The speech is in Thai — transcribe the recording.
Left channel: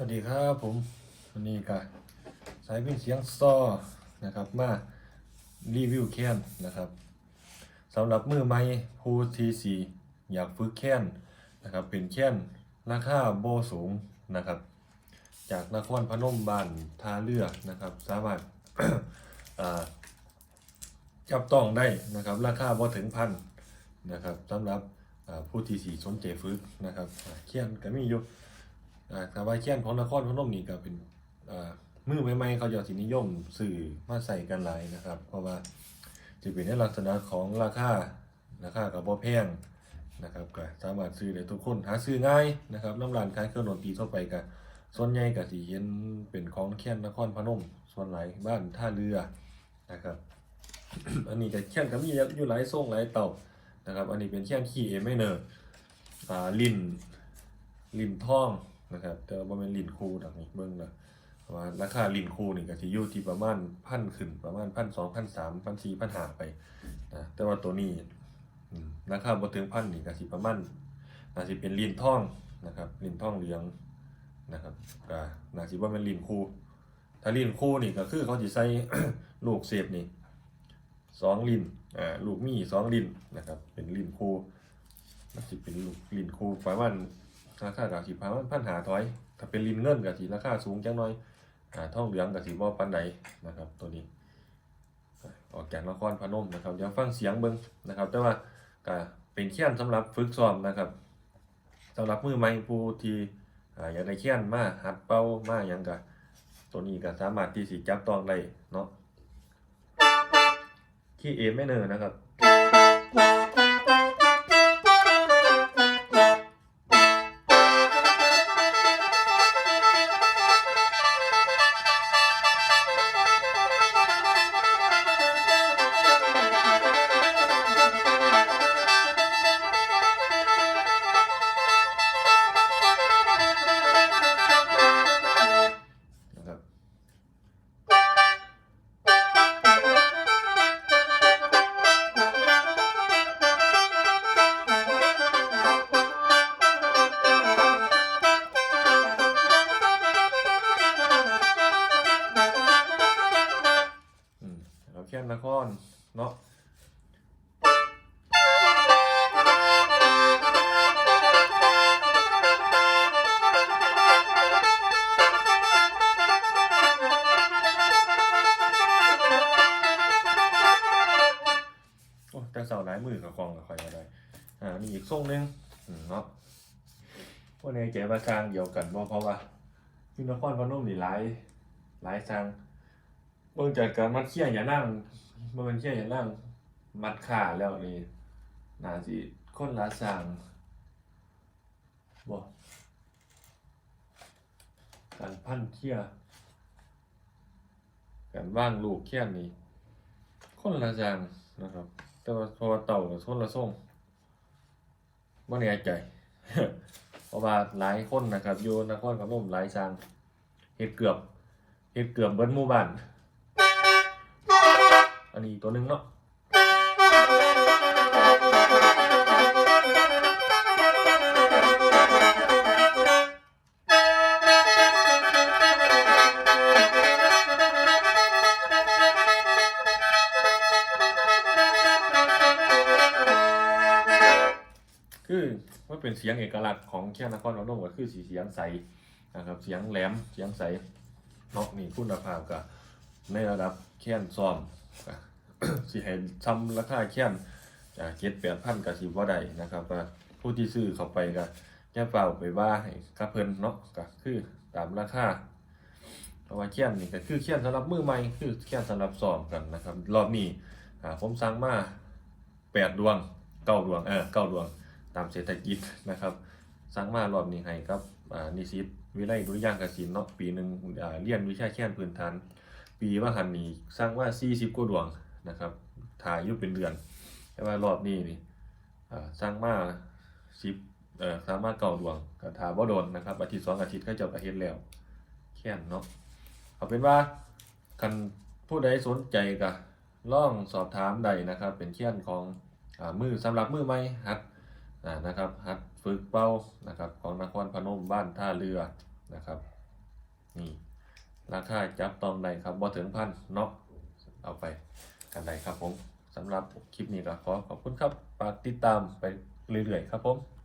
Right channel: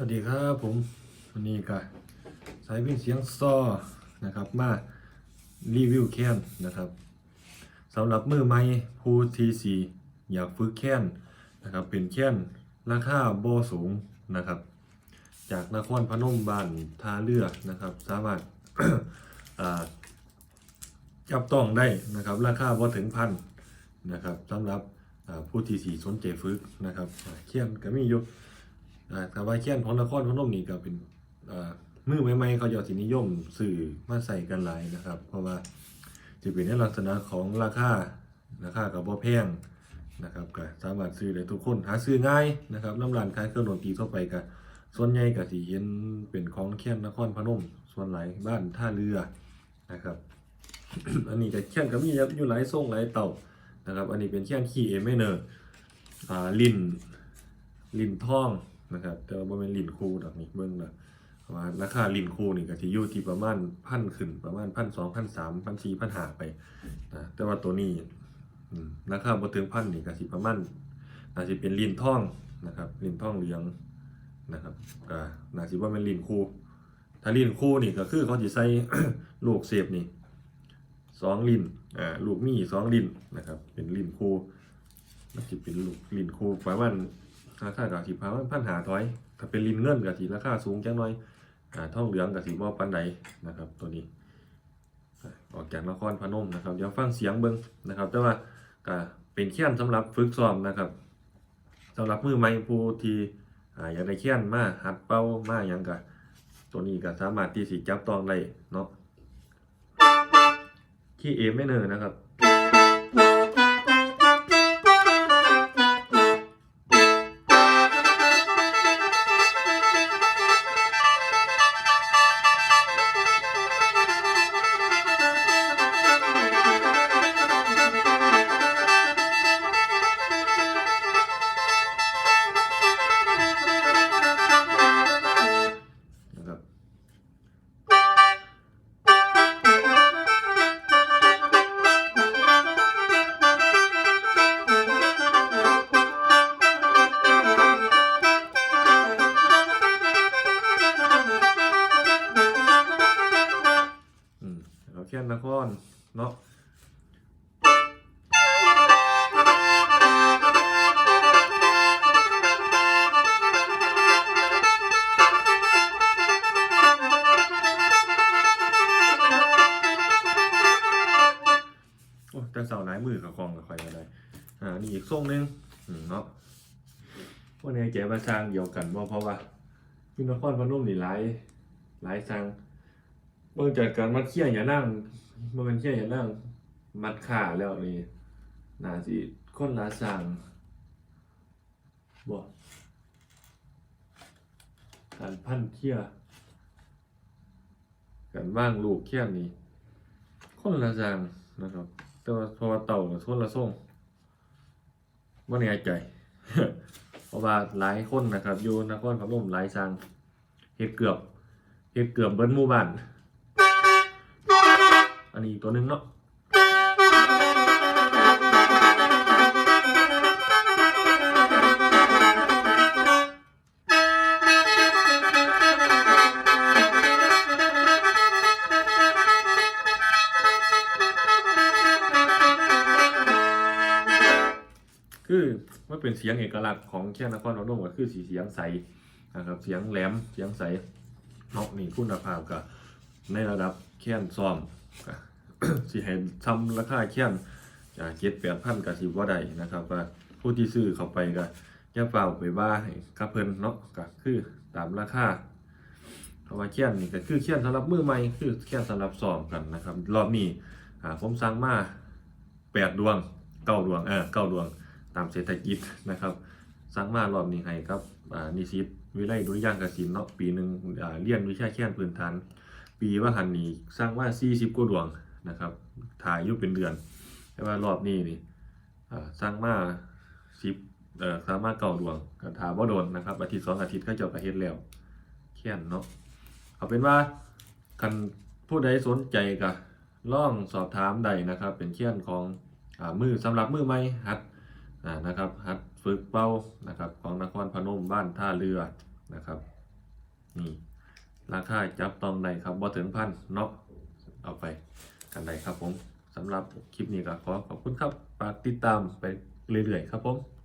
วัสดีครับผมวันนี้ก็สายเป็นเสียงซอนะครับมารีวิวแค้นนะครับสำหรับมือไม้ผู้ทีสีอยากฝึกแค้นนะครับเป็นแค้นราคาโบสูงนะครับ จากนครพนมบ้านท่าเรือนะครับ สามารถจับต้องได้นะครับราคาบ่ถึงพันนะครับสำหรับผู้ที่สีสนใจฝึกนะครับแค้นก็มีอยู่ แต่ว่าแค้นของนครพนมนี่ก็เป็นมือใหม่ๆเขาจะสินิยมสื่อมาใส่กันหลายนะครับ เพราะว่าจะเป็นในลักษณะของราคาราคากับบ่แพงนะครับก็สามารถซื้อได้ทุกคนหาซื้อง่ายนะครับน้ำร้านขายเครื่องดนตรีทั่วไปก็ส่วนใหญ่ก็สิเห็นเป็นของแค้นนครพนม ส่วนหลายบ้านท่าเรือนะครับอันนี้ก็แค้นก็มีอยู่หลายทรงหลายเต่านะครับ อันนี้เป็นแค้นขี้เอไม่เนอร์ลินลินทอง นะครับแต่ว่าเป็นลินคูดอกนี่เบิ่งและว่าราคาลินคูนี่ก็สิอยู่ที่ประมาณพันขึ้นประมาณพันสองพันสามพันสี่พันห้าไปนะแต่ว่าตัวนี้ราคาบ่ถึงพันนี่ก็สิประมาณน่าสิเป็นลินท่องนะครับลินท่องเหลืองนะครับก็น่าสิว่าเป็นลินคูถ้าลินคูนี่ก็คือเขาสิใส่ลูกเสียบนี่สองลินอ่าลูกมีสองลินนะครับเป็นลินคูมันจะเป็นลูกลินคูประมาณ ราคากับสิบพันพันหาถอย ถ้าเป็นลินเงินกับสิราคาสูงจังหน่อยอ่าทองเหลืองกับสิบ่ปานใดนะครับ ตัวนี้อ่อกจากนครพนมนะครับเดี๋ยวฟังเสียงเบิ่งนะครับ แต่ว่าก็เป็นเขียนสำหรับฝึกซ้อมนะครับสำหรับมือใหม่ผู้ที่อยากได้เขียนมาหัดเป้ามาหยังก็ตัวนี้ก็สามารถที่สิจับต้องได้เนาะขี้เอไม่เนอนะครับนะครับ แค่นเนาะโอ้แต่เสาหลายมือกับกองกับคอยมาได้ อ่า นี่อีกทรงนึงเนาะพวกนี้เจ๋ว่าสร้างเดียวกันว่เพราะว่าอยูนครพนมนี่หลายหลายสร้างเบิ่งจากการมัดเขี้ยอย่านั่ง มื่เป็นเขี้ยอย่านั่งมัดขาแล้วนี่น่าสิคนละสร้างบ่การพันเขี้ยการว่างลูกเขี้ยนี่คนละอย่งนะครับ แต่ว่าพราะว่าเต่ากับคนละส่งไม่แน่ใจ เพราะว่าหลายคนนะครับอยู่นครพนมหลายสร้างเฮ็ดเกือบเฮ็ดเกือบเบิ้หมู่บ้าน อันนี้ตัวหนึงเนาะคือมันเป็นเสียงเอกลักษณ์ของแค่นครพนมก็คือสีเสียงใสนะครับเสียงแหลมเสียงใสเนาะนี่คุณภาพก็ในระดับแค้นซ้อม สิให้ทำราคาแค้นจากเจ็ดแปดพันกับสิบว่าได้นะครับก็ผู้ที่ซื้อเข้าไปก็อย่าเฝ้าไปว่าให้กับเพิ่นเนาะก็คือตามราคาเพราะว่าแค้นนี่ก็คือแค้นสำหรับมือใหม่คือแค้นสำหรับซ้อมกันนะครับรอบนี้ผมสั่งมาแปดดวงเก้าดวงเออเก้าดวงตามเศรษฐกิจนะครับสั่งมารอบนี้ให้ครับนิสิตวิไลดุริยางกสินเนาะปีหนึ่งเรียนวิชาแค้นพื้นฐาน ปีว่าหันนี้สร้างว่า40กว่าดวง นะครับถ่ายอยู่เป็นเดือน แต่ว่ารอบนี้นี่สร้างมา10เอ่อสร้างมาเก้าดวงก็ถาบ่โดนนะครับอาทิตย์สองอาทิตย์ก็เจะกระเฮ็ดแล้วแค้นเนาะเอาเป็นว่าคันผู้ใดสนใจก็ล่องสอบถามได้นะครับ เป็นแค้นของอมือสำหรับมือใหม่หัดนะครับหัดฝึกเป้านะครับของนครพนมบ้านท่าเรือนะครับนี่ราคาจับต้องได้ครับบ่ถึงพันเนาะเอาไป กันได้ครับผมสำหรับคลิปนี้ก็ขอขอบคุณครับฝากติดตามไปเรื่อยๆครับผม